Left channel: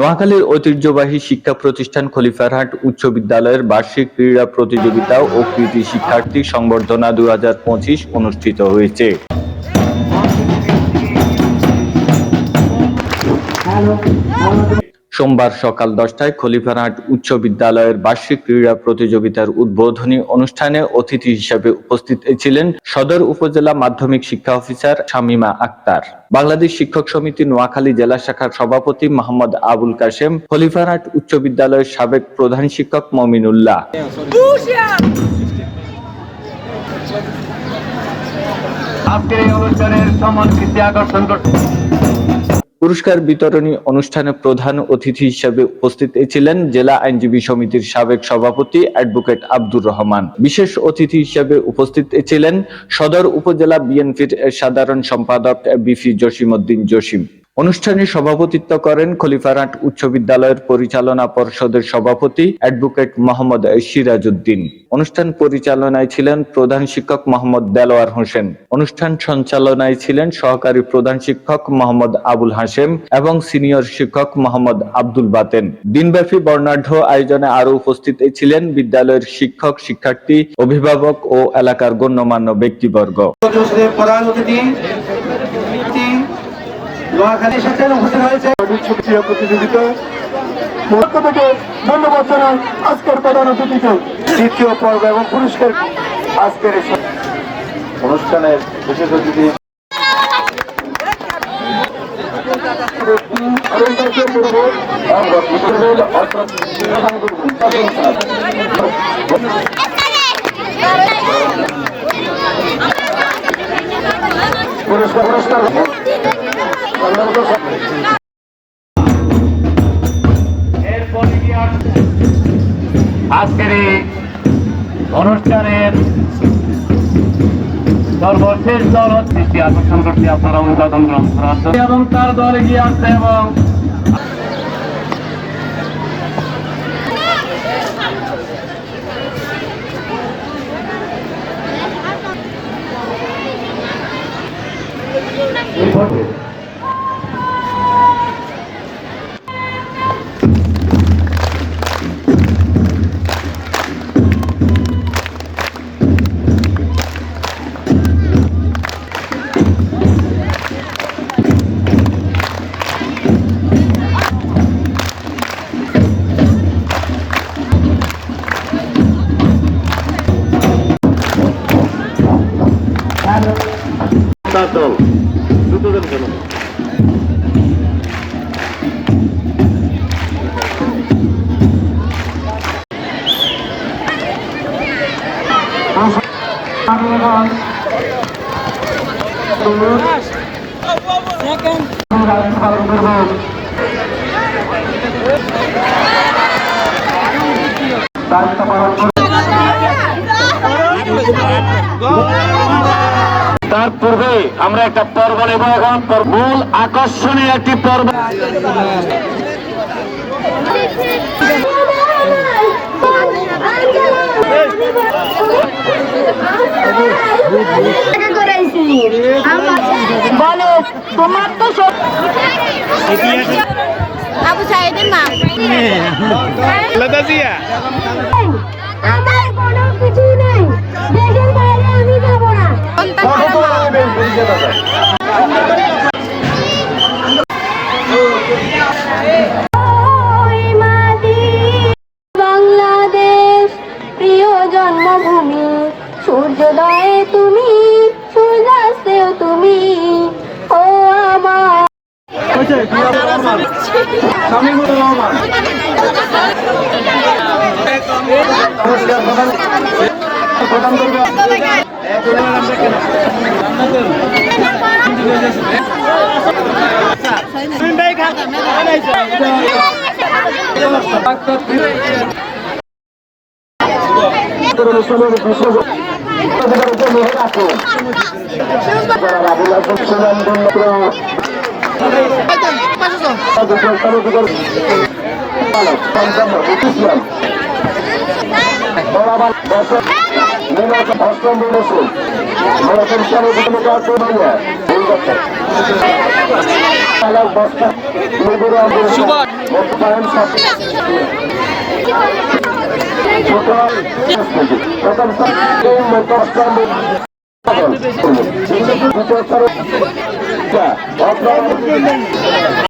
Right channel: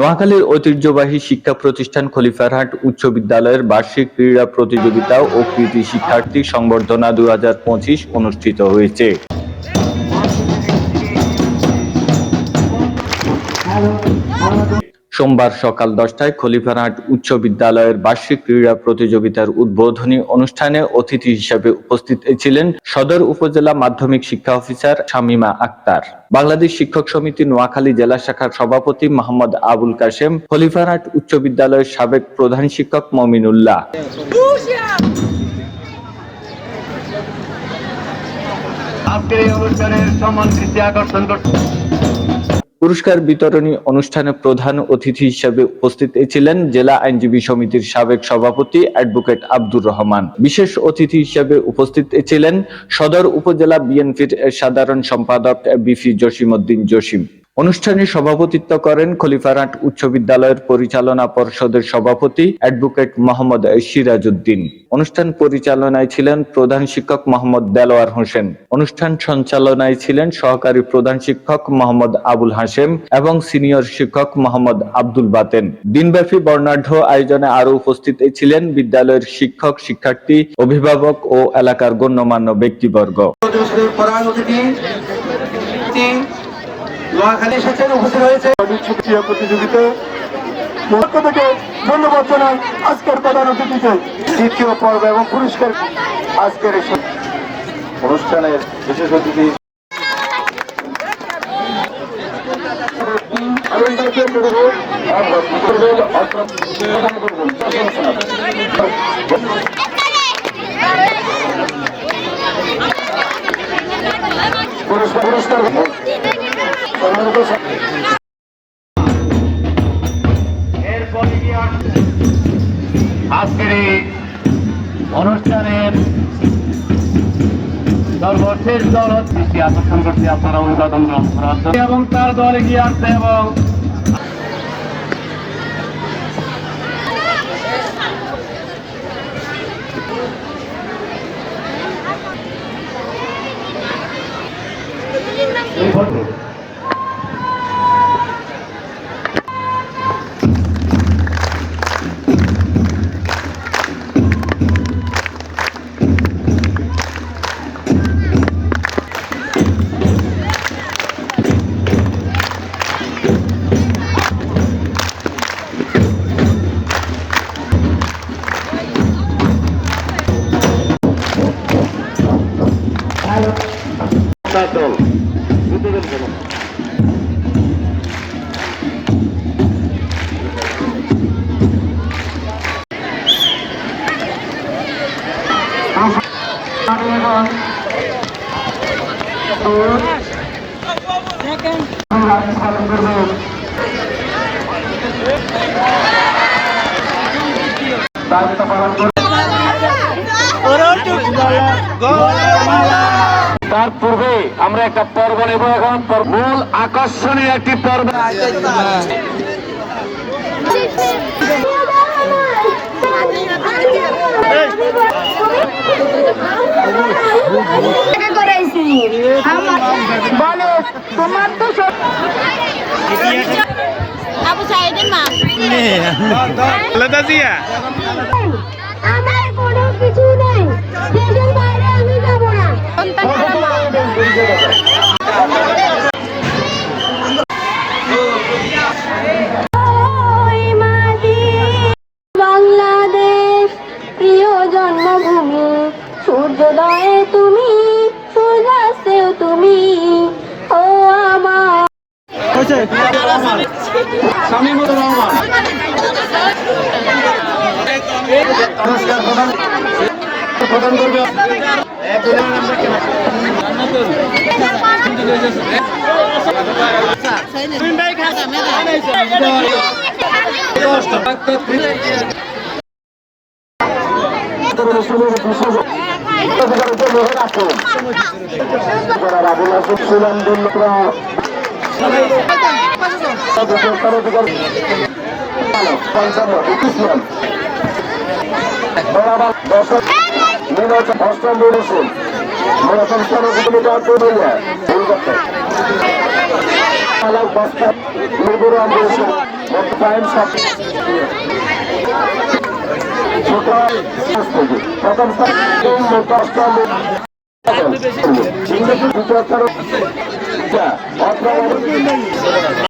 নোয়াখালীর ঐতিহ্যবাহী শিক্ষা প্রতিষ্ঠান খলিফারহাট উচ্চ বিদ্যালয়ের বার্ষিক ক্রীড়া প্রতিযোগিতা ও কৃতি শিক্ষার্থী সংবর্ধনা 2025 অনুষ্ঠিত হয়েছে। সোমবার সকাল 10টায় খলিফারহাট উচ্চ বিদ্যালয়ের বার্ষিক ক্রীড়া প্রতিযোগিতার উদ্বোধনী অনুষ্ঠানে অতিথি হিসেবে উপস্থিত ছিলেন সদর উপজেলা মাধ্যমিক শিক্ষা অফিসার শামীমা আক্তার, বাংলাদেশ শিক্ষক সমিতি নোয়াখালী জেলা শাখার সভাপতি মোহাম্মদ আবুল কাশেম, খলিফারহাট উচ্চ বিদ্যালয়ের সাবেক প্রধান শিক্ষক মমিনুল্লাহ। আজকের এই অনুষ্ঠানের সম্মান দৃষ্টি আকর্ষণ করতে পুরস্কার বিতরণী অনুষ্ঠানে প্রধান অতিথি হিসেবে উপস্থিত ছিলেন জেলা আইনজীবী সমিতির সাবেক সভাপতি অ্যাডভোকেট আব্দুর রহমান। বিশেষ অতিথি হিসেবে উপস্থিত ছিলেন সদর উপজেলা বিএনপির সাধারণ সম্পাদক বিপি জসিমউদ্দিন জসিম। অনুষ্ঠানে সভাপতিত্ব করেন খলিফারহাট উচ্চ বিদ্যালয়ের পরিচালনা পর্ষদের সভাপতি অ্যাডভোকেট মোহাম্মদ সিরাজউদ্দিন। অনুষ্ঠান পরিচালনায় ছিলেন প্রধান শিক্ষক মোহাম্মদ দেলোয়ার হোসেন। অনুষ্ঠান সঞ্চালনায় ছিলেন সহকারী প্রধান শিক্ষক মোহাম্মদ আবুল হাশেম এবং সিনিয়র শিক্ষক মোহাম্মদ আব্দুল বাতেন। দিনব্যাপী বর্ণাঢ্য আয়োজনে আরো উপস্থিত ছিলেন বিদ্যালয়ের শিক্ষক, শিক্ষার্থী, অভিভাবক ও এলাকার গণ্যমান্য ব্যক্তিবর্গ। ধন্যবাদ জানাই আজকের প্রধান অতিথিকে। দ্বিতীয় পর্ব এবং পুরস্কার আজকের অনুষ্ঠানের বিশেষ অতিথি আজকের এই অনুষ্ঠানের সর্বশেষ দল দৃষ্টি আকর্ষণ করতে আপনারা অনুমোদন গ্রহণ করার এবং তার দল এগিয়ে আসছে এবং তার পূর্বে আমরা একটা পর্ব নেব। এখন মূল আকর্ষণীয় একটি পর্ব আবু সাইদের মা আমার কোনো কিছু নাই, দেশের বাইরে আমি যাব না। বাংলাদেশ প্রিয় জন্মভূমি, সূর্যোদয়ে তুমি, সূর্যাস্তেও তুমি, ও আমার সুবল টাইম প্রথম